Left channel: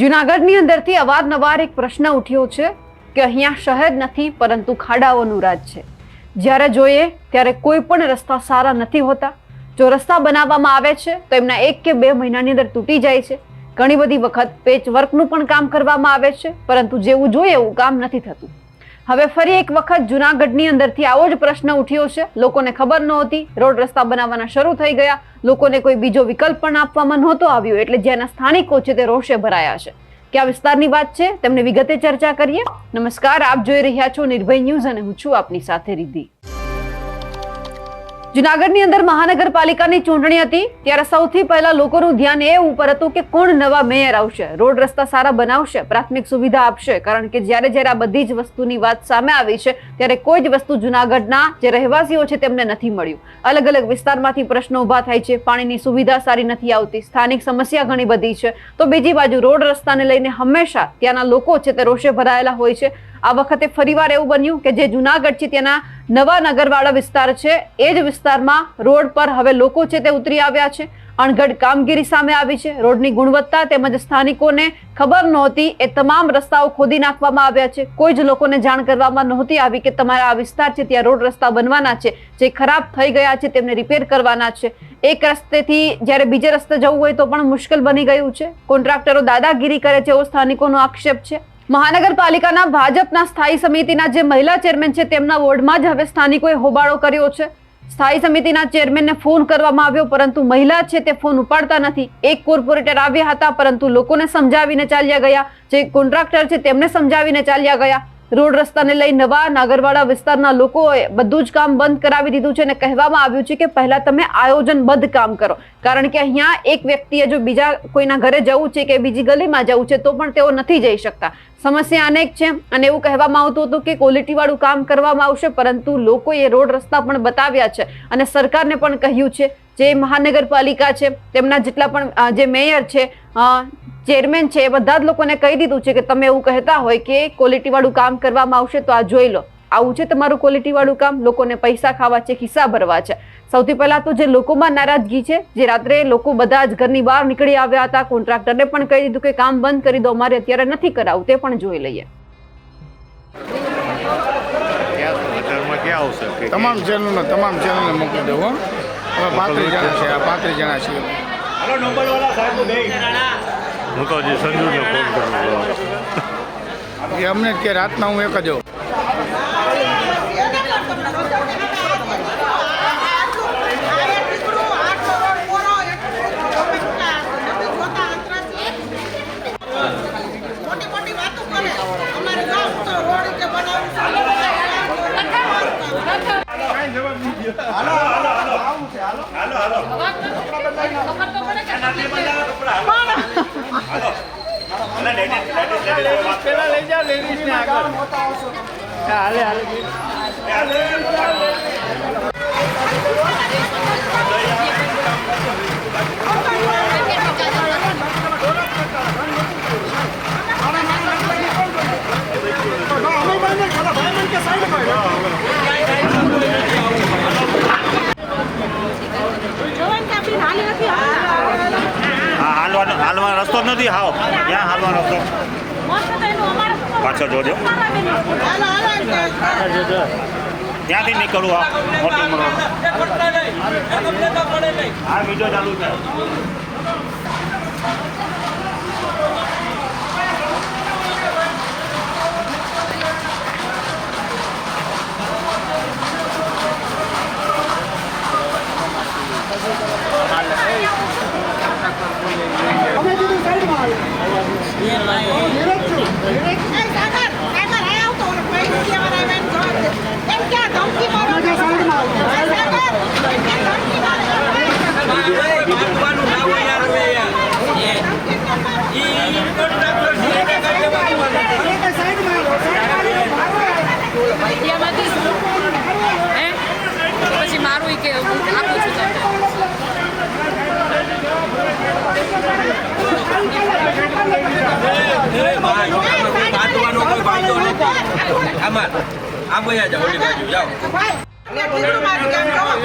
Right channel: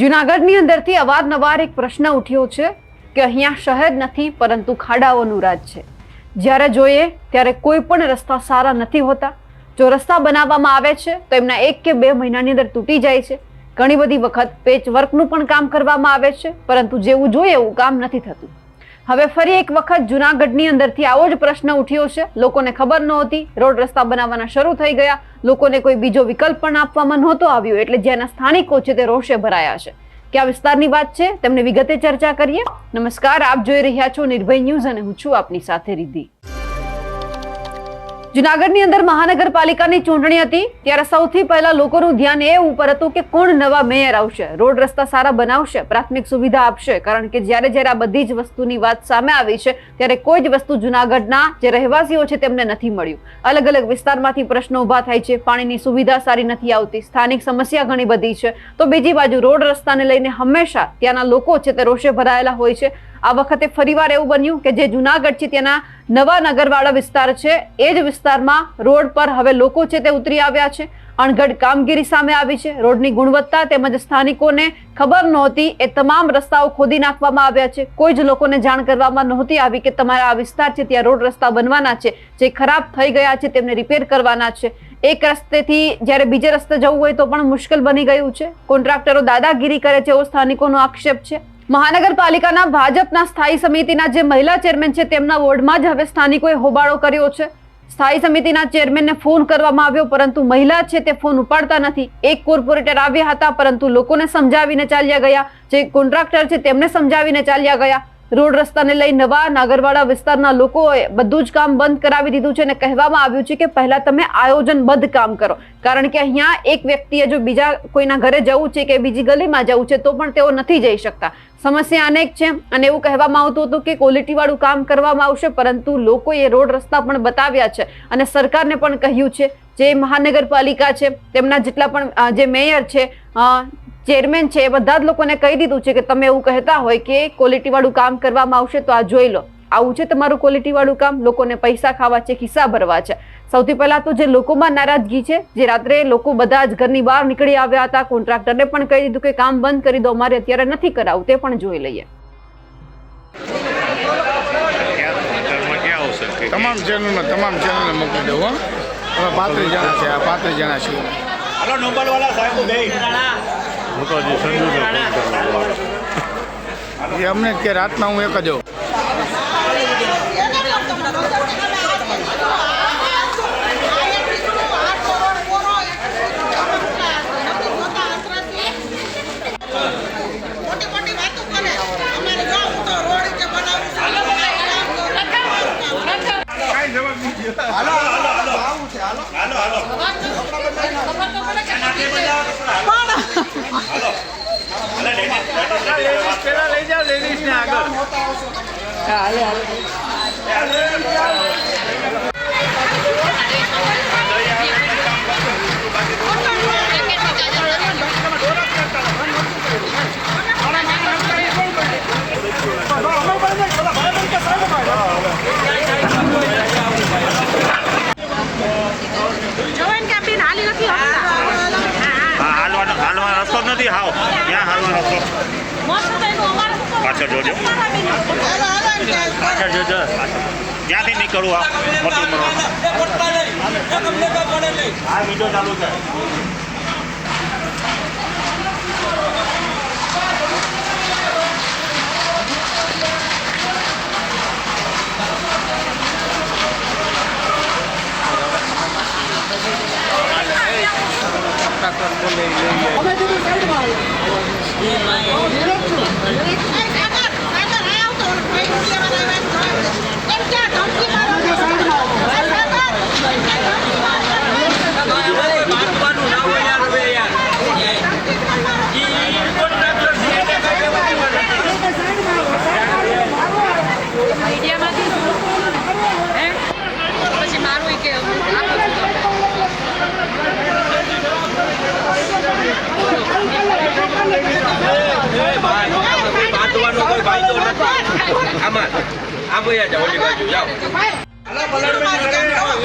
જૂનાગઢની અંદરથી અવારનવાર એક પ્રશ્ન ઉઠ્યો છે કે અહીંયા શહેર નથી પરંતુ ખાડાઓનું રાજ છે। જ્યારે જોઈએ ત્યારે કોઈ પણ રસ્તા સારા નથી હોતા। જો રસ્તા બનાવવામાં આવે છે તો એમના 1 કે 2 મહિનાની અંદર તૂટી જાય છે। ઘણી બધી વખત પેચવર્કનું પણ કામ કરવામાં આવે છે પરંતુ જેવું જોઈએ એવું કામ નથી થતું। હવે ફરી એક વખત જૂનાગઢની અંદરથી આવો જ પ્રશ્ન ઉઠ્યો છે। લોકોને ખબર નહોતી, રોડ રસ્તા બનાવવાના શરૂ થઈ ગયા, લોકોને કોઈ બીજો વિકલ્પ પણ આપવામાં નહોતો આવ્યો, એટલે જેના સ્થાનિકો છે તે રોષે ભરાયા છે। કયા વિસ્તારની વાત છે તેમને વિગતે ચર્ચા કરીએ। નમસ્કાર, આપ જોઈ રહ્યા છો નિર્ભય ન્યૂઝ અને હું છું આપની સાથે રિદ્ધિ। જૂનાગઢની અંદર મહાનગરપાલિકાની ચૂંટણી હતી ત્યારે સૌથી પહેલા લોકોનું ધ્યાન એ ઉપર હતું કે કોણ નવા મેયર આવશે, રોડ રસ્તા સારા બનાવશે, પ્રાથમિક સુવિધા આપશે। કારણ કે જ્યારે આ બધી જ વસ્તુની વાત સામે આવી છે ત્યારે કોઈ જ વસ્તુ જૂનાગઢના જે રહેવાસીઓ છે તેમને નથી મળ્યું। અલગ અલગ વિસ્તારમાંથી પ્રશ્નો ઉભા થાય છે, પાણીની સુવિધા સારી નથી આવતી, સ્થાનિક સમસ્યા ઘણી બધી છે, તો બીજી બાજુ રોડ રસ્તાને લઈને હંમેશા ત્યાંના લોકો છે તે રોષે ભરાયેલા હોય છે। આ વખતે ફરીવાર એવું બન્યું કે જે જૂનાગઢ છે ત્યાંના નવા નગરવાળા વિસ્તાર છે એ જ વિસ્તારમાં રોડ પર હવે લોકો છે તે ઉતરી આવ્યા છે। અણઘડ કામગીરી સામે આવી છે। રોડની ગુણવત્તા તેમજ સ્થાનિકોને ખબર નહોતી એ તમામ રસ્તાઓ ખોદી નાખવામાં આવ્યા છે। કોઈ જ લોકોને જાણ કરવામાં નહોતી આવી કે તમારા આ વિસ્તાર છે ત્યાં રોડ રસ્તા બનવાના છે, જે ખરાબ થઈ ગયા છે તેમને રિપેર કરવાના છે। એક રસ્તેથી જ્યારે બીજે રસ્તે જવું હોય તો પણ મુશ્કેલ બની ગયું છે। કોન્ટ્રાક્ટરો દાદાગીરી કરે છે એવો સ્થાનિકોનો આક્ષેપ છે। મહાનગરપાલિકાના ભાજપના સ્થાયી સમિતિના જે મહિલા ચેરમેન છે તેમના વોર્ડમાં જ હવે સ્થાનિકોએ હોબાળો કર્યો છે। સ્થાયી સમિતિના ચેરમેનને ફોન કરવામાં આવ્યો પરંતુ મહિલા છે તે ફોન ઉપાડતા નથી। એક કોર્પોરેટર આવ્યા હતા પરંતુ લોકોને સમજાવીને ચાલ્યા ગયા, જે કોન્ટ્રાક્ટર છે તેમને સમજાવીને ચાલ્યા ગયા। રોડ રસ્તાને લઈ નવા નાગરવાડા વિસ્તારના લોકોએ બધું જ કામ બંધ કરાવી દીધું છે અને કહેવામાં આવ્યું છે કે પહેલા તમે આયોજનબદ્ધ કામ કરો, કારણ કે અહીંયા એક વ્યક્તિએ જો બીજા કોઈના ઘરે જવું છે કે બીજી ગલીમાં જવું છે તો પણ તેઓ નથી જઈ શકતા। સમસ્યા અનેક છે અને એવું કહેવામાં આવતું હતું કે ક્વોલિટી વાળું કામ કરવામાં આવશે, પરંતુ લોકોએ રોડ રસ્તા પણ બતાવ્યા છે અને સરકારને પણ કહ્યું છે, જે મહાનગરપાલિકા છે તેમના જેટલા પણ જે મેયર છે, ચેરમેન છે, એ બધા જ લોકોને કહી દીધું છે કે તમે એવું કહેતા હોય કે ક્વોલિટી વાળું કામ કરવામાં આવશે તો આ જોઈ લો, આવું છે તમારું ક્વોલિટી વાળું કામ, લોકોને પૈસા ખાવા છે, ખિસ્સા ભરવા છે। સૌથી પહેલા તો જે લોકોમાં નારાજગી છે, જે રાત્રે લોકો બધા જ ઘરની બહાર નીકળી આવ્યા હતા, કોન્ટ્રાક્ટરને પણ કહી દીધું કે કામ બંધ કરી દો, અમારે અત્યારે નથી કરાવું, તે પણ જોઈ લઈએ। તમામ ચેનલને મોકલી દઉં। હવે 35 જણા છે, આ 35 જણા છે। એ અમને કે રાતના હું એક જ હોઉં। રસ્તો નથી, હાવ ક્યાં હાલવાનો રસ્તો પાછળ જોજો, પાછળ જોજો, ત્યાંથી નીકળવું આ બીજો ચાલુ છે।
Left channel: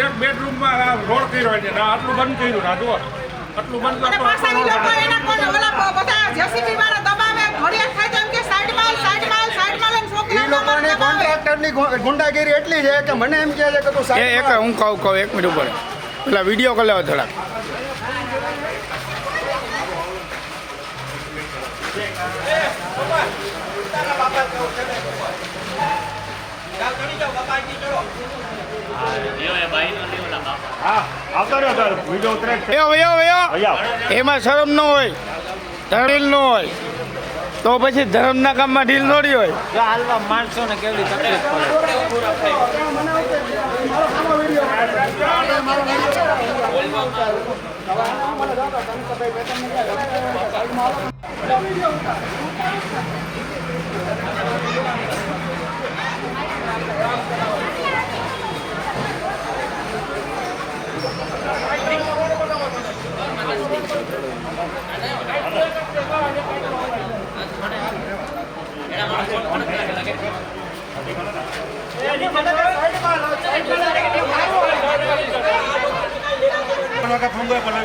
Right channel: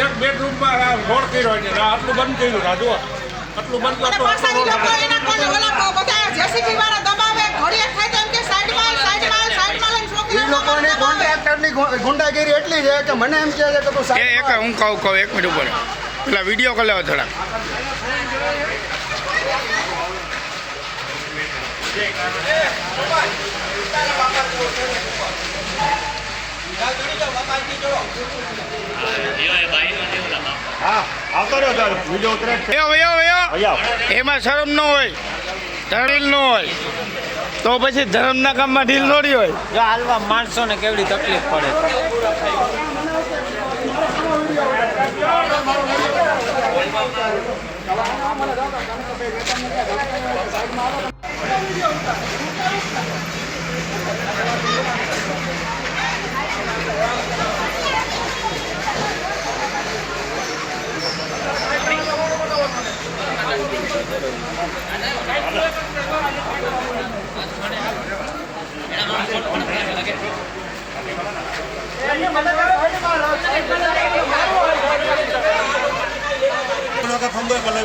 એક બેડરૂમમાં રોડ કર્યો છે, આટલું બંધ કર્યું, રાજુ આટલું બંધ કરતો આટલી ગુંડાગીરી એટલી છે કે મને એમ કહે છે કે તું એ સાઈડ એક હું કહું 1 મિનિટ ઉપર પેલા વિડીયો કરી લેવા થોડાક હા આવતો રહ્યો સર વિડીયો ઉતરે જ છે. વયો એમાં શરમ ન હોય ઢીલ ન હોય તો પછી ધર્મના કામમાં ઢીલ થોડી હોય જો હાલવા માણસોને કેવડી તકલીફ પડે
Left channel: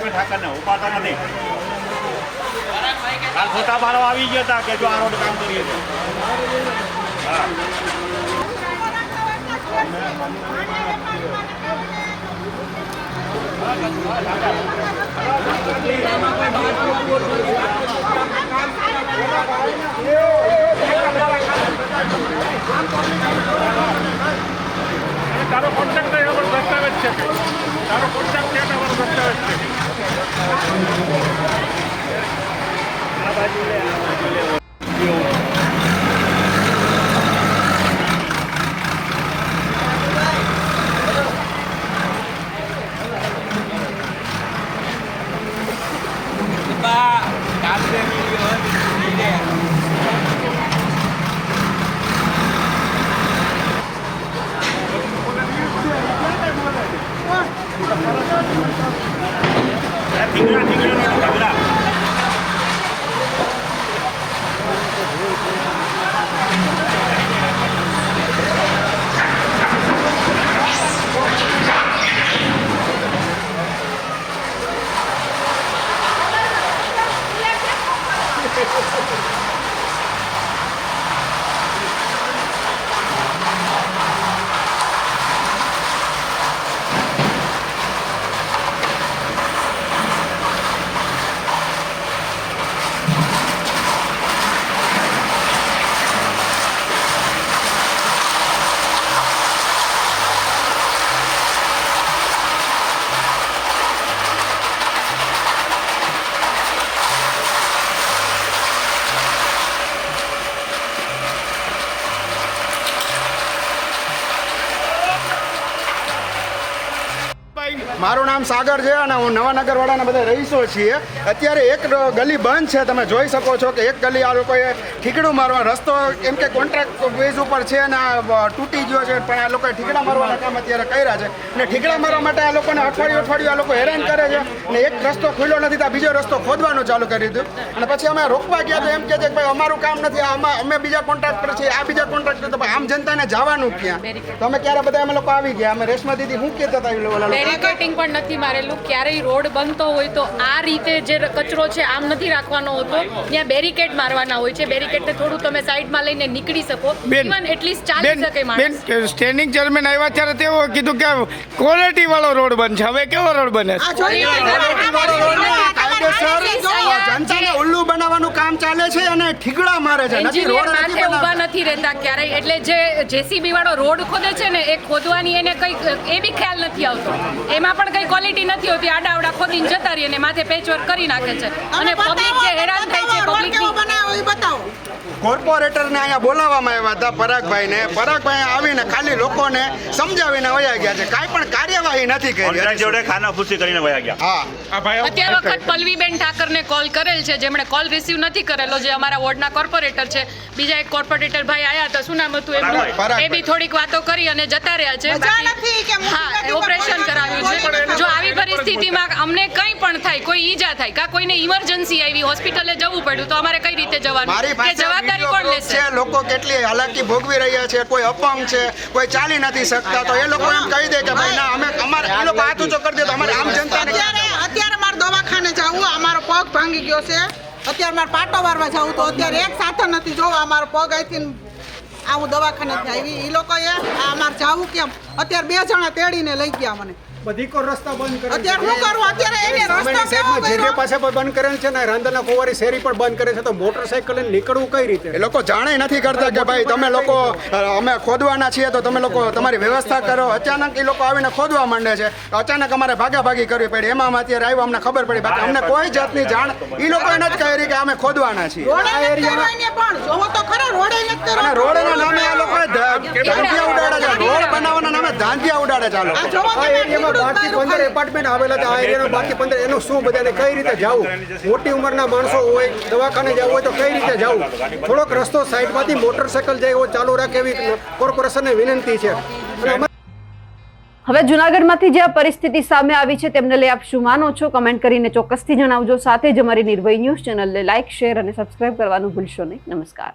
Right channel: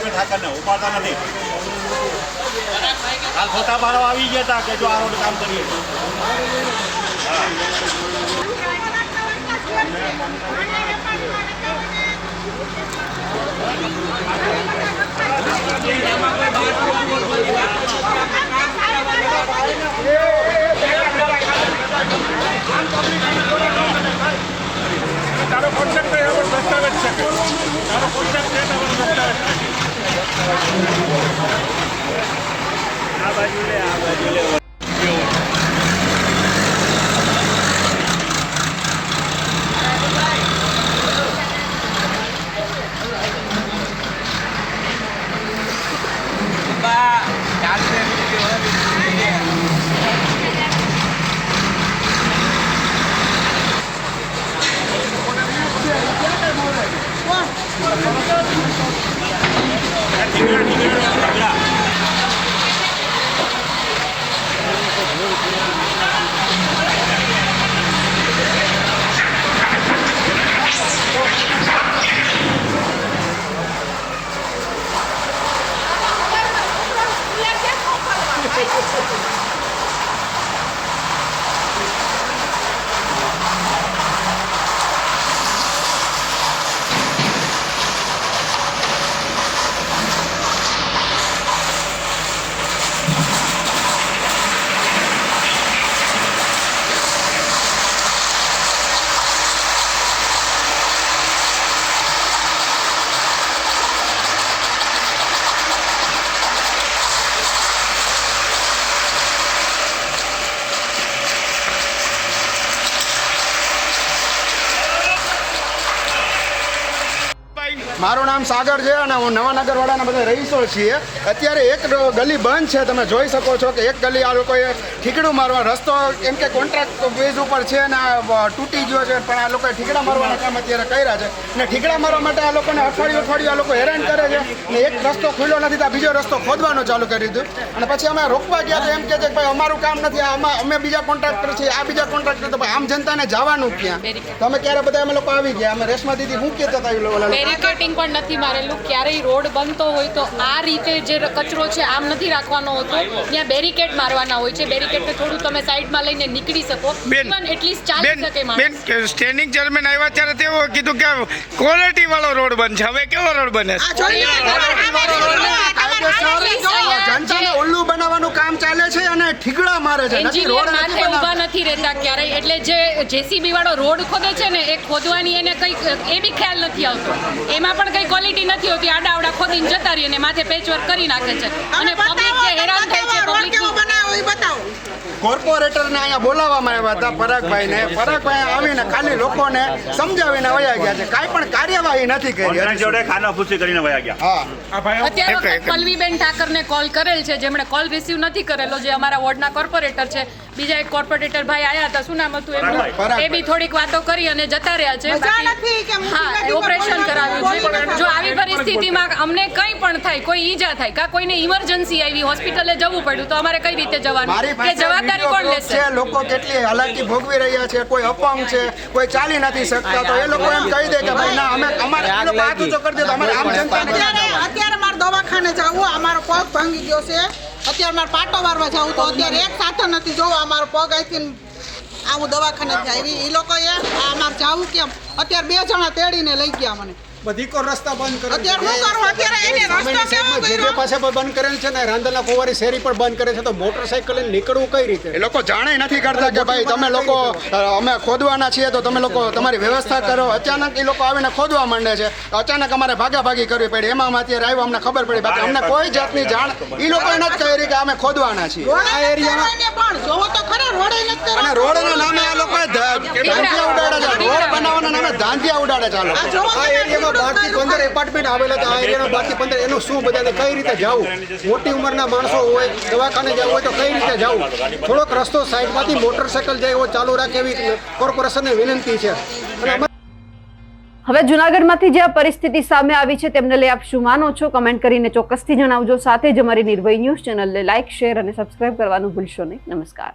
ઠાકરને ઉપાડતા નથી કાલ ફોટા પાડવા આવી ગયા હતા કે જો આ રોડ કામ કરીએ છીએ. તારો કોન્ટેક્ટ દસ્તાવેજ છે તારો કોન્ટેક્ટ છે તમારો દસ્તાવેજ છે આ બાજુ લે મારું નામ સાગર છે અને હું નવાનગરવાળાના બધા રહીશો છીએ. અત્યારે એક ગલી બંધ છે, તમે જોઈ શકો છો કે એક ગલી આ લોકોએ ઠીકડું મારવા રસ્તો એમ કે કોન્ટ્રાક્ટ બેઝ ઉપર છે અને આ તૂટી ગયો છે, પણ આ લોકોએ ઠીકડા મારવાના કામ અત્યારે કર્યા છે અને ઠીકડા મારવા માટે આ લોકોને અઠવાડિયું આ લોકો હેરાન કરે છે અને એક રસ્તો ખુલ્લો નથી તો બીજો રસ્તો ખોદવાનું ચાલુ કરી દીધું. અને પછી અમે રોકવા ગયા તો એમ કહે છે કે ભાઈ અમારું કામ નથી, અમે બીજા કોન્ટ્રાક્ટર છીએ, આ બીજા કોન્ટ્રાક્ટર, તો આમ જનતાને જવાનું ક્યાં? તો અમે ક્યારે બધા અમે લોકો આવી ગયા, અમે રેશમા દીદી શું કહેતા હતા ઓલા લોકો? બેરિકેટિંગ પણ નથી મારેલું. ક્યારેય રોડ બનતો હોય તો આ રીતે જે કચરો છે આમ નથી રાખવાનો હોતો, ત્યાં બેરિકેડ મારવાના હોય છે. બેરિકેડને થોડું તમે સાઈડમાં લઈને નીકળી શકો, ઇવન એટલીસ્ટ ચાલી શકે માણસ. સ્ટેન્ડિંગ ચેરમેન આવ્યા ત્યારે તેઓ કીધું કે ક્વોલિટી વાળો રોડ બનશે. હવે કેવો રોડ બને? જનતાને ઉલ્લુ બનાવવાનું કામ ચાલે છે અને ઠીકડા મારે છે, નથી રોડ માથે ઊભા નથી રહેતા ક્યારેય. એટલે જે જેસીબી વાળો રોડ ખોદે છે ને એ ખોદવાની એને કઈ એ બી ખ્યાલ નથી આવતો. એમાં પણ કઈ ક્વોલિટી નથી હોતી. આડા ખોદીને જતા રહીએ ને માથે પેચવર્ક કરી નાખે છે અને પબ્લિક જે હેરાન થાય છે પબ્લિક. કોર્પોરેટરને અહીંયા બોલાવવામાં આવ્યા હતા પરાગભાઈને. પરાગભાઈ આવીને ખાલી લોકોને સમજાવીને વયા ગયા છે, કાંઈ પણ કાર્યવાહી નથી કરી. જોડે ખાના ખુશી કરીને વયા ગયા. હા, અત્યારે વખત પલ્લવીબેન ઠાકરને કોલ કરેલ છે, જેમણે કોલ રિસીવ નથી કરેલો, જે અમારા વોર્ડના કોર્પોરેટર છે. બીજા એક કોર્પોરેટર ભાઈ આવ્યા હતા, શું નામ હતું એમનું, એ બી થોડીક વાતો કરી અને જતા રહ્યા છે. બાકી હા, ઓપરેશન કરાવ્યું છે. જો આવી પરિસ્થિતિમાં અમને કંઈ પણ થાય, કોઈ ઈજા થાય કાં કોઈને ઇમરજન્સી આવી, હોસ્પિટલે જવું પડ્યું, તો અમારે કઈ રીતે જવાનું? કે જવાબદારી કોણ લેશે? લોકો કેટલી હાલાકી ભોગવી રહ્યા છે, કોઈ અપંગ છે, કોઈ ચાલી નથી શકતા, તો એ લોકો એમ કહી દે કે ભાઈ ના, અમે અમારે એ લોકો હાથ ઊંચો કરી દે તો અમારે આમ જનતાને ક્યાં જવાનું? અત્યારે મારે દવાખાને જવું, અમારો પગ ભાંગી ગયો છે. અત્યારે મારે પાટો વારવા જવું તો અત્યારે એક સાધન નથી. જોવો અમારો પગ અહીંથી હું દવાખાનેથી આવી એ લોકોએ આ અમારે જાવું કેમ અત્યારે 2 જણા તેડીને લઈ ગયા મને બધી કો રસ્તા બંધ કરે અત્યારે શું કરું અત્યારે એને સામેની રસ્તો સાઈડમાં કેવો જે પાસે પણ બંધ કરેલ છે ને રાંદલના ફુવારી શેરી પણ બંધ કરે છે તો મોટરસાઇકલ લઈને નીકળવું કઈ રીતે એ લોકો જાણે નથી કરતા કે ભાઈ તમે લોકો અમે ખોદવાના છીએ તો તમે લોકો તમારી વ્યવસ્થા કરો. અચાનક એ લોકો આવીને ખોદવા માંડે છે. અચાનક અમારે ભાગાભાગી કરવી પડી. એમાં અમે અત્યારે આવ્યા અમને ખબર પડી. બાકી અમને કોઈ જાતની જાણ એ લોકોએ નથી કરી કે અમે ખોદવાના છીએ. પણ જોવો તો ખરા રોડે નથી અને કરો રોડના નામે એ લોકોએ ધાંધિયા ઉડાડે છે. રોડ બનાવવાના નામે ધાંધિયા ઉડાડે છે આ લોકો. આ એરિયામાં 12 થી 15 એપાર્ટમેન્ટ આવેલા છે. આ એરિયાના 12 થી 15 એનું શું બધાને કઈ રીતે જવું? મોટી ઉંમરના માણસો હોય દવાખાને જવું હોય તો કઈ રીતે જવું? થોડોક રસ્તો સાઈડમાંથી મોટરસાઇકલ જાય એવો ચાલુ રાખે એવી કોર્પોરેશનને વિનંતી છે. અને હવે જુનાગઢમાંથી જે આ પરિસ્થિતિ સામે આવી છે તેમને લઈ આપ શું માનો છો? કમેન્ટ કરીને ચોક્કસથી જણાવજો. સાથે જ અમારી નિર્ભય ન્યૂઝ ચેનલને લાઇક, શેર અને સબસ્ક્રાઇબ કરવાનું ભૂલશો નહીં. નમસ્કાર.